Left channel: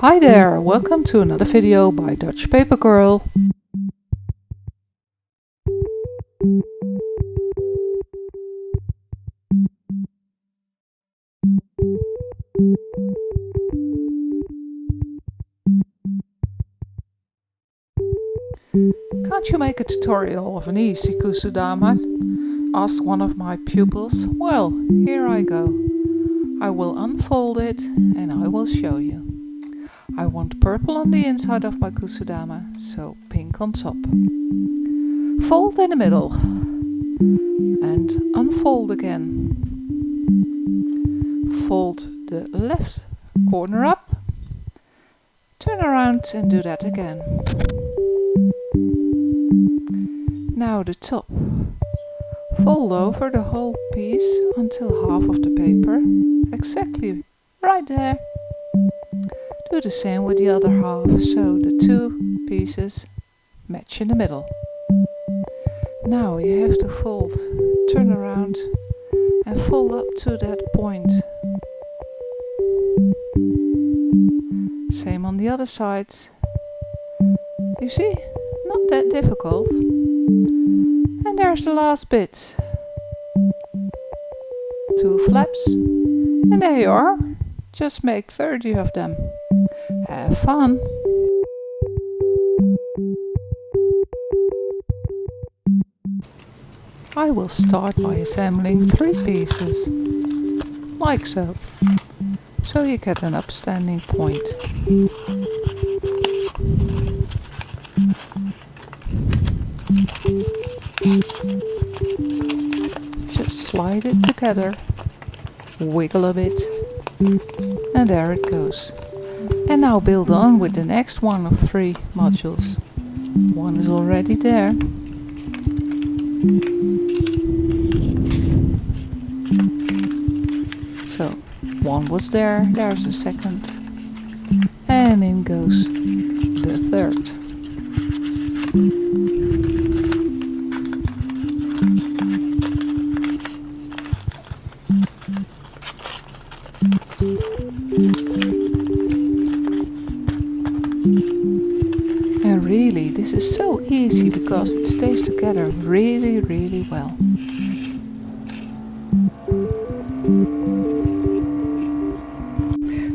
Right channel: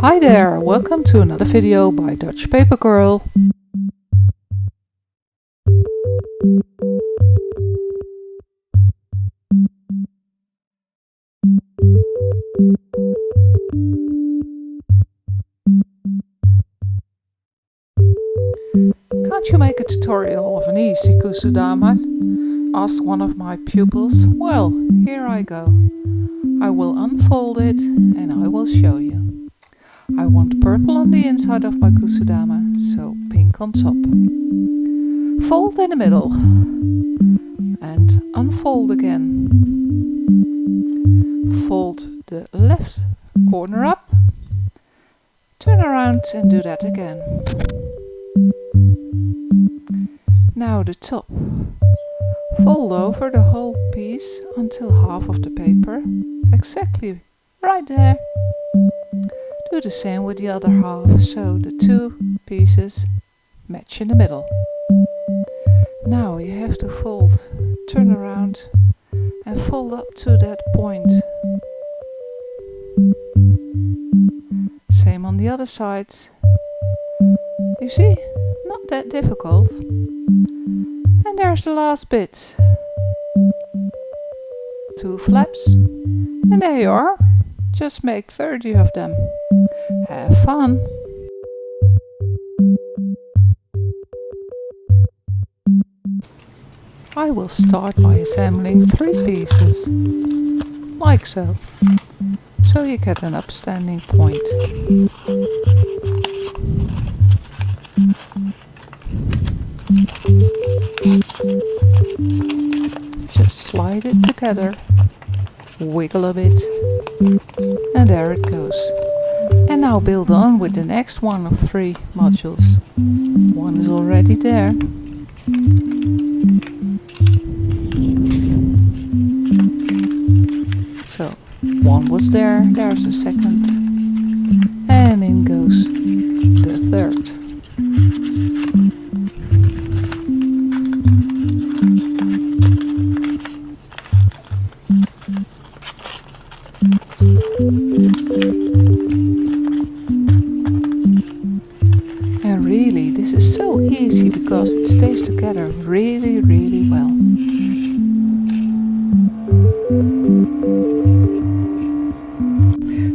Hi there, welcome to another video by Dutch Paper Girl. Can't you make a tutorial of an easy kusudama? Asked one of my pupils. Well, here I go. I will unfold it and I will show you. I want purple on the inside of my kusudama, so pink on top. Fold in the middle and unfold again. Fold the left corner up, turn around and do that again. Now the top. Fold over the whole piece until half of the paper, exactly right there. Do the same with the other half, so the two pieces match in the middle. Now you have to fold, turn around and fold up to that point. Same on the other side. You see, not that difficult. And there's the last bit. 2 flaps. And there you are. Just make 30 of them. Have fun! I will start by assembling 3 pieces. Like so. So you get an upstanding point. Just slide it together, wiggle a bit, and there it goes. And now build on with the next one of 3 modules. One is already there. So, one was there, there's the second, and in goes the third. And really, this is so easy because it stays together really well.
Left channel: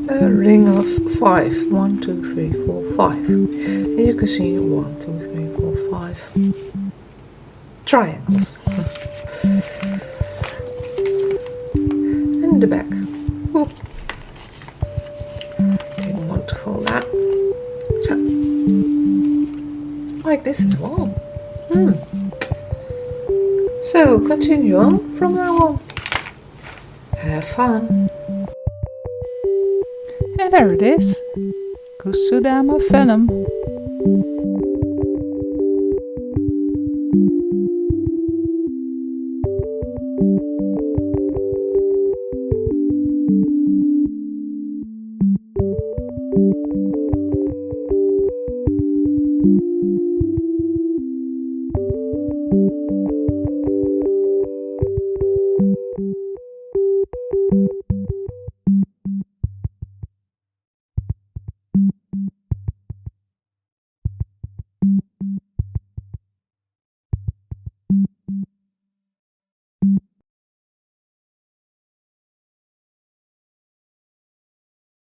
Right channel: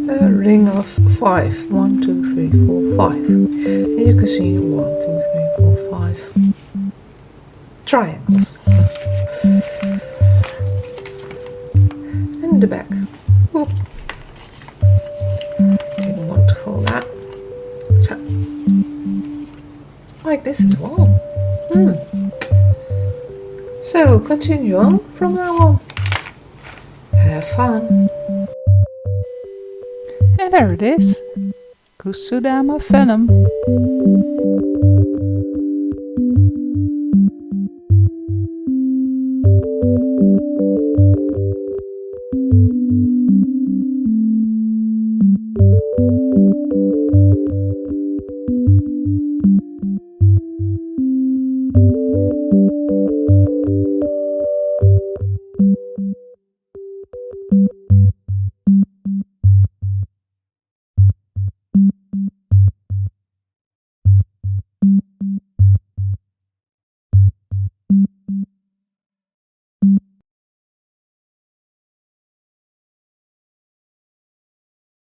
A ring of 5. 1, 2, 3, 4, 5. And you can see 1, 2, 3, 4, 5 triangles. And the back. Ooh. Didn't want to fold that. So, like this as well. So continue on from now on. Have fun. And there it is. Kusudama Venom.